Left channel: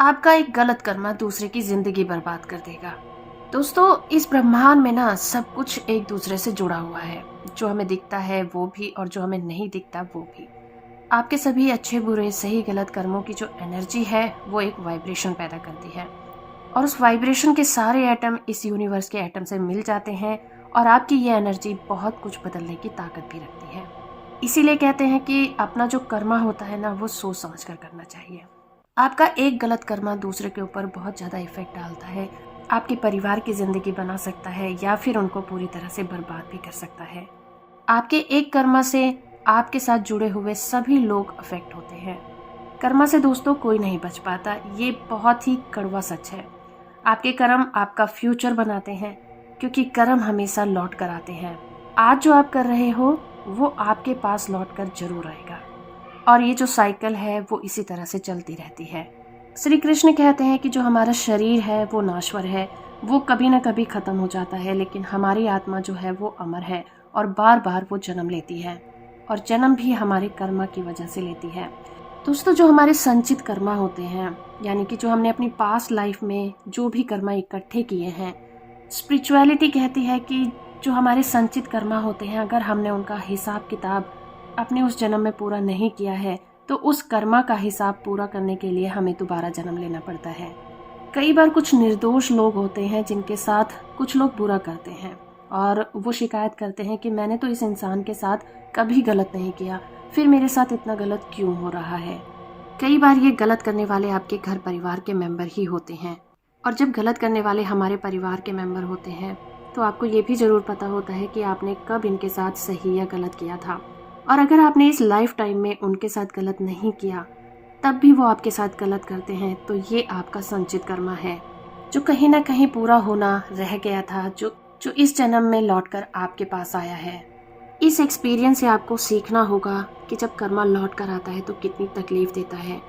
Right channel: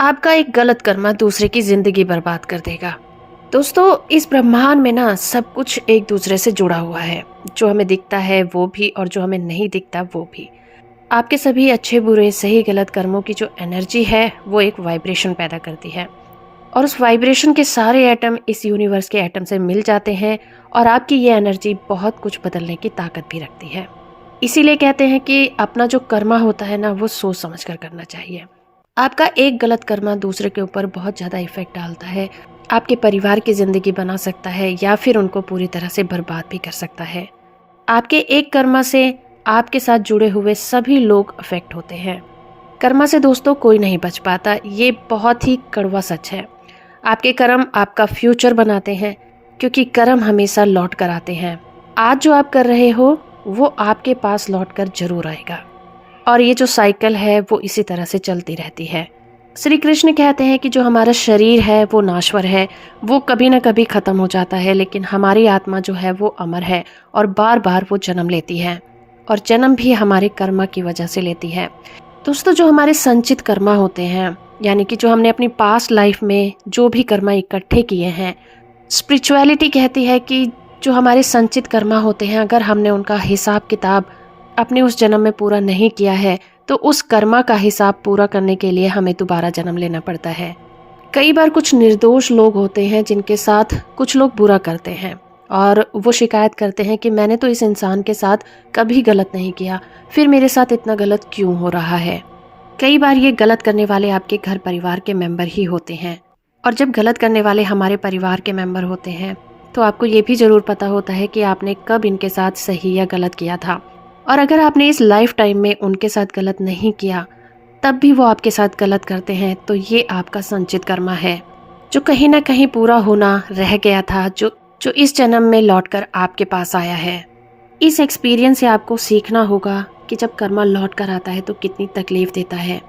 आपका एक गलत कर्मा दूसरे की जिंदगी बर्बाद कर देगा। दोस्तों, इस ब्रह्मांड में ना सब कुछ एक दूसरे से जुड़ा हुआ है। जो हमें दिखता है वो भी और जो हमें नहीं दिखता वो भी। आपके सभी अच्छे बुरे सही गलत कर्मों की जो एनर्जी है वो एक वाइब्रेशन पैदा करती है। और उस वाइब्रेशन के सारे एटम इस यूनिवर्स के एटम से मिल जाते हैं। और आपकी ये एनर्जी बहुत कुछ बदलने की ताकत भी रखती है। इसीलिए कहते हैं कि अपना जो कर्मा होता है ना वो सोच समझ कर करना चाहिए। आपका एक गलत कर्मा दूसरे के ऊपर बहुत ज़्यादा इफेक्ट डालता है। आपके परिवार की ज़िंदगी बना सकता है या फिर उनको पूरी तरह से बर्बाद भी कर सकता है। आपके एक कर्मा से आपके साथ जुड़े हुए सभी लोग अफेक्ट होते हैं। कर्मा से दोस्तों कोई नहीं बच पाता, ये बहुत ही कड़वा सच है। आपके कर्म आपका फ्यूचर बनाते हैं, क्योंकि कर्म हमेशा लौट कर आते हैं। आज जो आप कर रहे हो वो आपके पास लौट कर जरूर आएगा। और ये जो साइकिल है वो इसी तरह से चलती रहती है। श्री कृष्ण कहते हैं कि जो हमारा शरीर है वो नाश्वर है, वो कभी ना कभी ख़त्म हो जाता है, लेकिन हमारी आत्मा जो है वो अमर है और बार बार वो जन्म लेती है। और जन्म भी हमारे कर्मा की वजह से लेती है। दोस्तों, जो हमारे संचित कर्मा होते हैं, यानी कि जो हमने अपनी पास्ट लाइफ में जो भी कर्मा इकट्ठे किए हैं, स्पिरिचुअलिटी कहती है कि जो हमारे संचित कर्मा होते हैं, अगर हमने उनका हिसाब किताब अपने उस जन्म में पूरा नहीं किया है तो उस कर्मा का हिसाब पूरा करने के लिए हमें दोबारा जन्म लेना पड़ता है। कई बार कुछ निर्दोष लोग होते हैं जिनके साथ कुछ लोग बुरा करते हैं और वो शिकायत करते हैं कि मैंने तो इस इंसान के साथ कभी गलत नहीं किया, फिर मेरे साथ इतना गलत क्यों हो रहा है। कई बार ये गलत करने वाले आपके घर परिवार के मेंबर ही होते हैं। और जब गलत करने वाले हमारे परिवार के मेंबर होते हैं तो आपको ये भी ज़रूर पता होता है कि आपने कब इनके साथ सही या गलत किया था। और अगर आपने इस लाइफ टाइम में उनके साथ गलत नहीं किया तब भी वो आपके साथ गलत करते हैं, तो ये आपका संचित कर्मा है जो कहीं ना कहीं पूरा होना रह गया था, जो जो इस जन्म में लौटकर आपके पास आया है। इस एक्सपीरियंस से आपको सीखना होगा कि जब कर्मा लौट कर आता है तो कितनी तकलीफ देता है।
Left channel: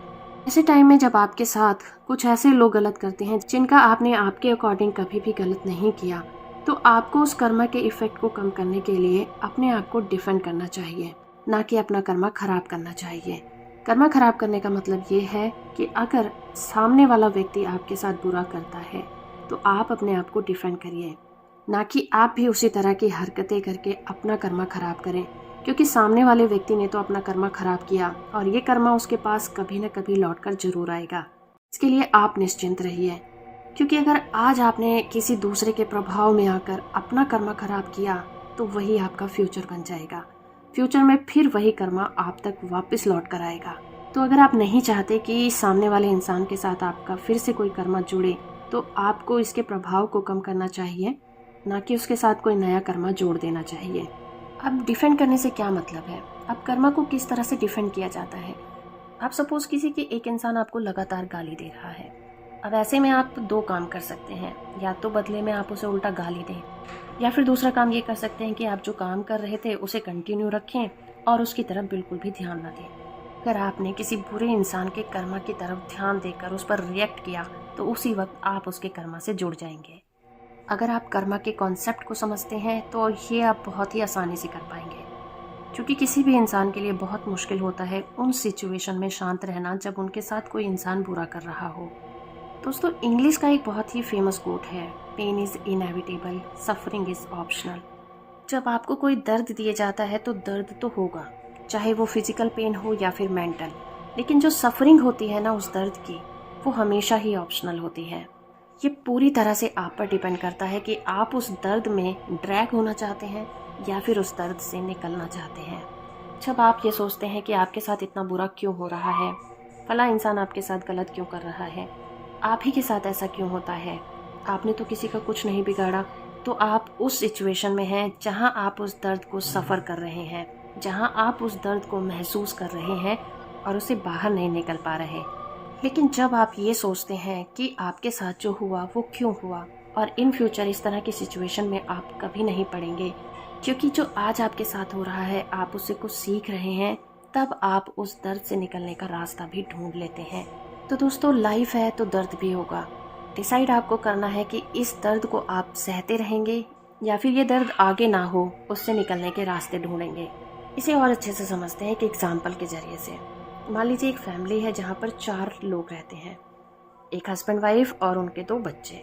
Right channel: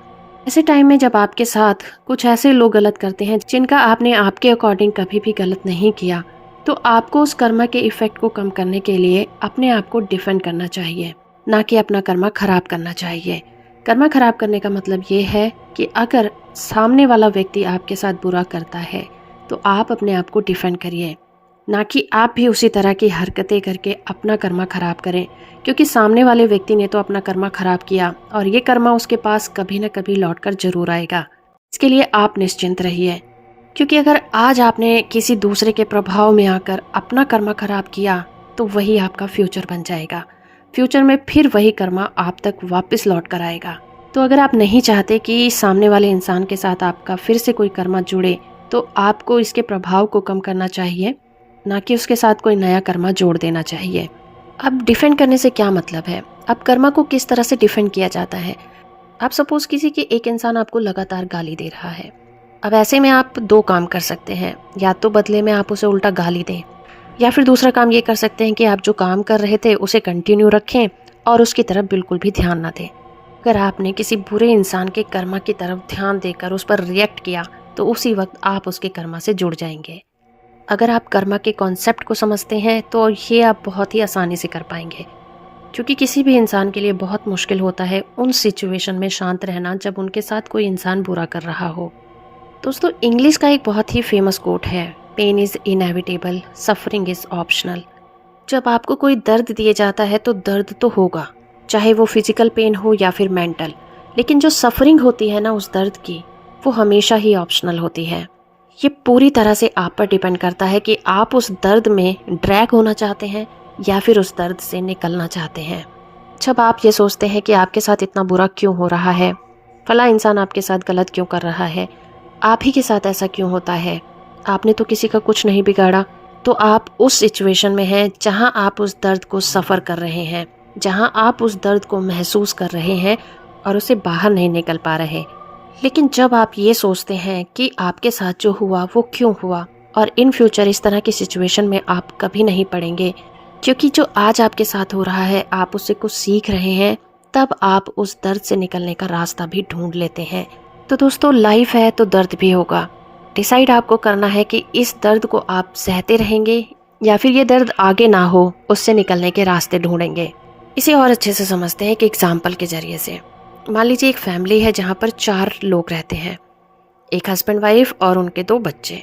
ऐसे टाइम में जब आपके साथ कुछ ऐसे लोग गलत करते हैं जिनका आपने आपके अकॉर्डिंग कभी भी गलत नहीं किया, तो आपको उस कर्मा के इफेक्ट को कम करने के लिए अपने आप को डिफेंड करना चाहिए, ना कि अपना कर्मा खराब करना चाहिए। कर्मा खराब करने का मतलब ये है कि अगर सामने वाला व्यक्ति आपके साथ बुरा करता है तो आप अपने आप को डिफेंड करिए, ना कि आप भी उसी तरह की हरकतें करके अपना कर्मा खराब करें। क्योंकि सामने वाले व्यक्ति ने तो अपना कर्मा खराब किया और ये कर्मा उसके पास कभी न कभी लौट कर जरूर आएगा। इसके लिए आप निश्चिंत रहिए, क्योंकि अगर आज आपने किसी दूसरे के प्रभाव में आकर अपना कर्मा खराब किया तो वही आपका फ्यूचर बन जाएगा। फ्यूचर में फिर वही कर्मा आप तक वापस लौट कर आएगा। तो अगर आप नहीं चाहते कि सामने वाले इंसान के साथ आपका फिर से कोई कर्मा जुड़े, तो आपको इसके प्रभाव को कम करना चाहिए, ना कि उसके साथ कोई नया कर्मा जोड़ देना चाहिए। अब डिफेंड करने से क्या मतलब है? अब कर्मा को किस तरह से डिफेंड किया जाता है? आप सपोज किसी के एक इंसान आपको लगातार गाली दे रहा है। अब ऐसे में आप दो काम कर सकते हैं, या तो बदले में आप उसे उल्टा गाली दें, या फिर दूसरा काम ये कर सकते हैं कि आप जो काम कर रहे थे उसे कंटिन्यू रखें और उसकी तरफ बिल्कुल भी ध्यान ना दें। अगर आपने किसी बुरे इंसान के कर्मा की तरफ ध्यान देकर उस पर रिएक्ट किया तो उसी वक्त आप उसके कर्मा से जुड़ जाएंगे। अगर आप कर्मा के कॉन्सेप्ट को समझते हैं तो ये आप बहुत ही आसानी से कर पाएंगे, क्योंकि किसी भी इंसान के लिए बहुत मुश्किल होता है उन सिचुएशन में शांत रहना जब उनके साथ कोई इंसान बुरा कर रहा हो। दोस्तों, इंग्लिश का एक बहुत ही फेमस कोट है, pain is inevitable, suffering is optional. जब आपको कोई दर्द दिया जाता है तो दर्द तो होगा, चाहे वो फिजिकल पेन हो या फिर मेंटल, लेकिन जो सफरिंग होती है ना उस दर्द की, वो हमेशा ही ऑप्शनल होती है। ये पूरी तरह से आप पर डिपेंड करता है कि आप उस दर्द में ड्रैग होना चाहते हैं या फिर उस दर्द से निकलना चाहते हैं। जब आप ये सोचते हैं कि आपके साथ इतना बुरा क्यों हो रहा है, फला इंसान आपके साथ गलत क्यों कर रहा है, आप ही के साथ ऐसा क्यों होता है, आपने तो किसी का कुछ नहीं बिगाड़ा, तो आप उस सिचुएशन में हैं जहां आप उस दर्द को सफ़र कर रहे हैं, जहां आप उस दर्द को महसूस कर रहे हैं और उसे बाहर नहीं निकल पा रहे। लेकिन जब आप ये सोचते हैं कि आपके साथ जो हुआ वो क्यों हुआ और इन फ्यूचर इस तरह की सिचुएशन में आप कभी नहीं पड़ेंगे, क्योंकि जो आज आपके साथ हो रहा है आप उससे कुछ सीख रहे हैं, तब आप उस दर्द से निकलने का रास्ता भी ढूंढ लेते हैं। तो दोस्तों, लाइफ है तो दर्द भी होगा। डिसाइड आपको करना है कि इस दर्द को आप सहते रहेंगे या फिर ये दर्द आगे ना हो उससे निकलने के रास्ते ढूंढेंगे। इसे और अच्छे से समझते हैं एक एग्जाम्पल के जरिए से। मान लीजिए एक फैमिली है जहाँ पर 4 लोग रहते हैं। एक हस्बैंड वाइफ और उनके 2 बच्चे।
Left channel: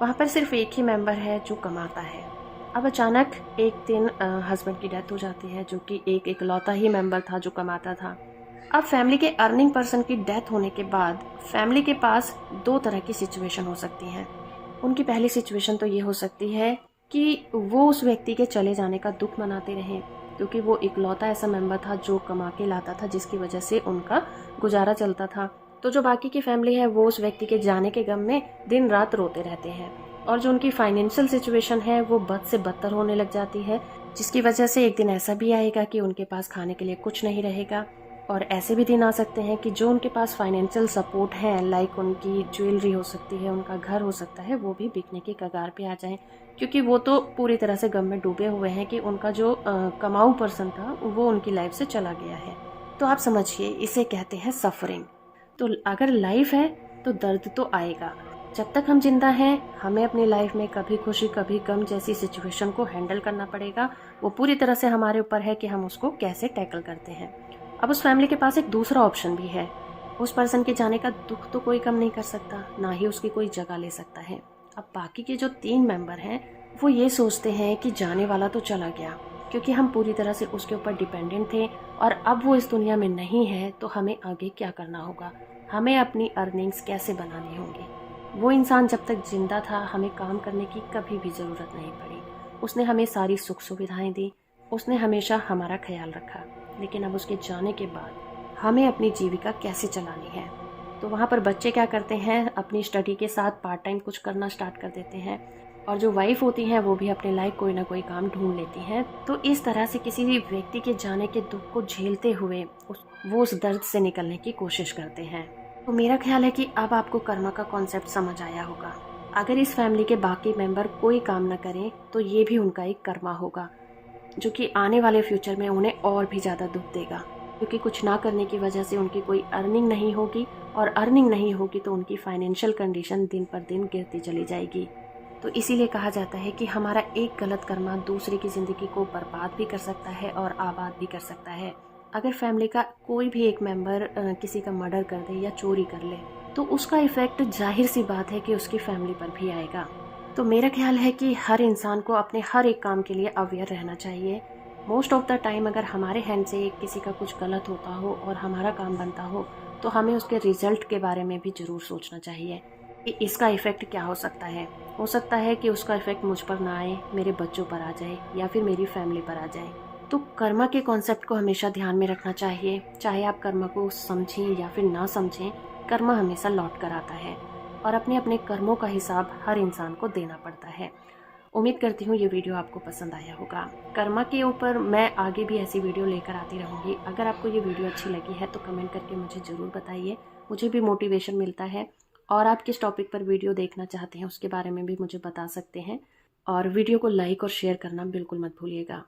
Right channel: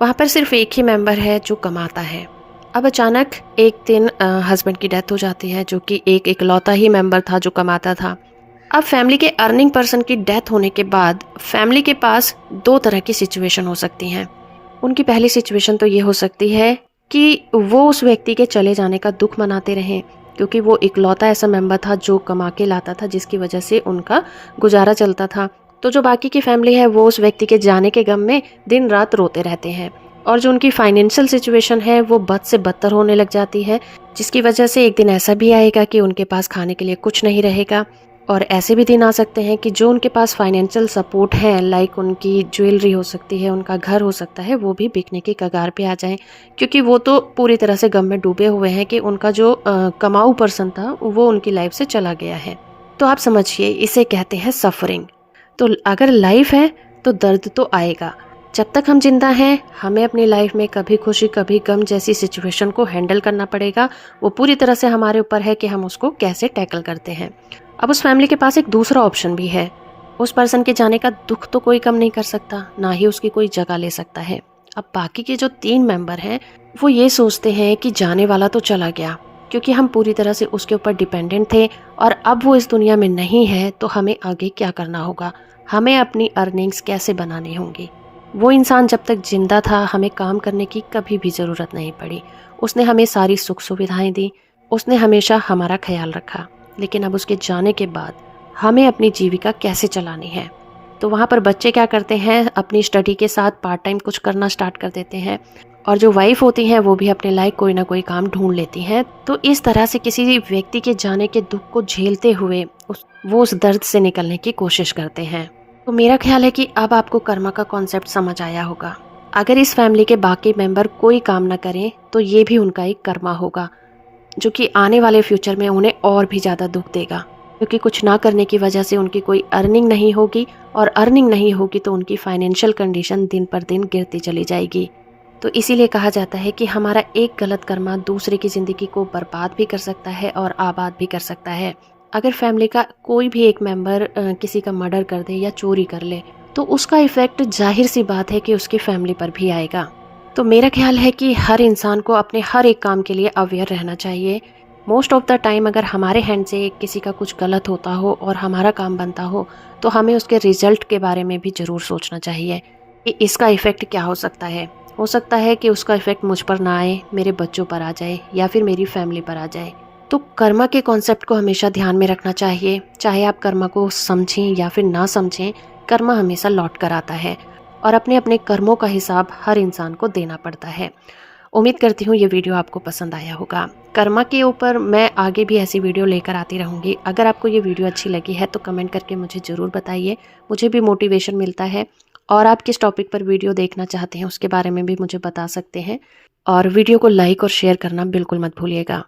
वहाँ पर सिर्फ एक ही मेंबर है जो कमाता है। अब अचानक एक दिन हस्बैंड की डेथ हो जाती है, जो कि एक इकलौता ही मेंबर था जो कमाता था। अब फैमिली के अर्निंग पर्सन की डेथ होने के बाद फैमिली के पास 2 तरह की सिचुएशन हो सकती हैं। उनकी पहली सिचुएशन तो ये हो सकती है कि वो उस व्यक्ति के चले जाने का दुख मनाते रहें, क्योंकि वो इकलौता ऐसा मेंबर था जो कमा के लाता था, जिसकी वजह से उनका गुजारा चलता था। तो जो बाकी की फैमिली है वो उस व्यक्ति के जाने के गम में दिन रात रोते रहते हैं, और जो उनकी फाइनेंशियल सिचुएशन है वो बद से बदतर होने लग जाती है, जिसकी वजह से एक दिन ऐसा भी आएगा कि उनके पास खाने के लिए कुछ नहीं रहेगा। और ऐसे भी दिन आ सकते हैं कि जो उनके पास फाइनेंशियल सपोर्ट है, लाइक उनकी ज्वेलरी हो सकती है, उनका घर हो सकता है, वो भी बिकने की कगार पे आ जाएं, क्योंकि वो तो पूरी तरह से गम में डूबे हुए हैं कि उनका जो कमाऊ पर्सन था वो उनकी लाइफ से चला गया है। तो आप समझिए, इसे कहते हैं सफरिंग। तो अगर लाइफ है तो दर्द तो आएगा। जब तक हम जिंदा हैं हमें अपनी लाइफ में कभी खुशी कभी गम जैसी सिचुएशन को हैंडल करना पड़ेगा। वो पूरी तरह से हमारे ऊपर है कि हम उसको कैसे टैकल करते हैं। अब उस फैमिली के पास एक दूसरा ऑप्शन भी है। उस पर्सन के जाने का दुख तो कोई कम नहीं कर सकता, ना ही उसकी कोई जगह ले सकता है। अब बाकी के जो 3 मेंबर हैं वो ये सोचते हैं कि जाने वाला तो चला गया, क्योंकि हम पूरी तरह से उसके ऊपर डिपेंडेंट थे, और अब वो इस दुनिया में नहीं है तो हमें आगे क्या करना होगा, हमें अपनी अर्निंग्स कैसे बनानी होंगी। वो इंसान जब तक जिंदा था हमें काम करने की कभी भी ज़रूरत नहीं पड़ी। उसने हमें सारी सुख सुविधाएं दी, उसने हमेशा हमारा ख्याल रखा। लेकिन अब उसके जाने के बाद हमें अपनी जीविका कैसे चलानी है। तो वहाँ पर बच्चे क्या करते हैं, अपनी स्टडी के साथ पार्ट टाइम कुछ करना स्टार्ट कर देते हैं, और जो वाइफ होती हैं वो भी अपने लायक कोई ना कोई काम ढूंढ लेती हैं। तो इस तरह से किसी व्यक्ति के जाने के दुख को झेलते हुए वो उस दर्द से निकलने की कोशिश करते हैं। तो मेरा ख्याल है कि अब आपको कर्मा का कॉन्सेप्ट समझ आया होगा। अगर इस फैमिली के बाकी मेंबर कोई काम न करें तो ये भी उनका एक कर्मा होगा, जो कि आने वाले फ्यूचर में उन्हें और भी ज़्यादा दुख देगा, क्योंकि कुछ ना करने की वजह से उनकी कोई अर्निंग नहीं होगी, और अर्निंग नहीं होगी तो उनकी फाइनेंशियल कंडीशन दिन पर दिन गिरती चली जाएगी। तो इसीलिए कहा जाता है कि हमारा एक गलत कर्मा दूसरे की ज़िंदगी को बर्बाद भी कर सकता है और आबाद भी कर सकता है। अगर फैमिली का कोई भी एक मेंबर किसी का मर्डर कर दे या चोरी कर ले, तो उसका इफ़ेक्ट जाहिर सी बात है कि उसकी फैमिली पर भी आएगा। तो मेरा ख्याल है कि हर इंसान को अपने हर एक काम के लिए अवेयर रहना चाहिए। मोस्ट ऑफ द टाइम अगर हमारे हैंड से किसी का कुछ गलत होता हो और हमारा काम बनता हो, तो हमें उसके रिजल्ट के बारे में भी ज़रूर सोचना चाहिए कि इसका इफ़ेक्ट क्या हो सकता है। हो सकता है कि उसका इफ़ेक्ट मुझ पर ना आए, मेरे बच्चों पर आ जाए या फिर मेरी फैमिली पर आ जाए। तो कर्मा के कॉन्सेप्ट को हमेशा ध्यान में रखना चाहिए। चाहे आप कर्मा को समझें या फिर ना समझें, कर्मा हमेशा लौट कर आता है, और अपने अपने कर्मों का हिसाब हर इंसान को देना पड़ता है। उम्मीद करती हूँ ये वीडियो आपको पसंद आया होगा। कर्मा के ऊपर मैं आगे भी ऐसी वीडियो लेकर आती रहूँगी। अगर आपको ये वीडियो अच्छी लगी है तो कमेंट करके मुझे ज़रूर बताइए, मुझे भी मोटिवेशन मिलता है। और आप किस टॉपिक पर वीडियो देखना चाहते हैं उसके बारे में भी मुझे बता सकते हैं। और वीडियो को लाइक और शेयर करना बिल्कुल मत भूलिएगा।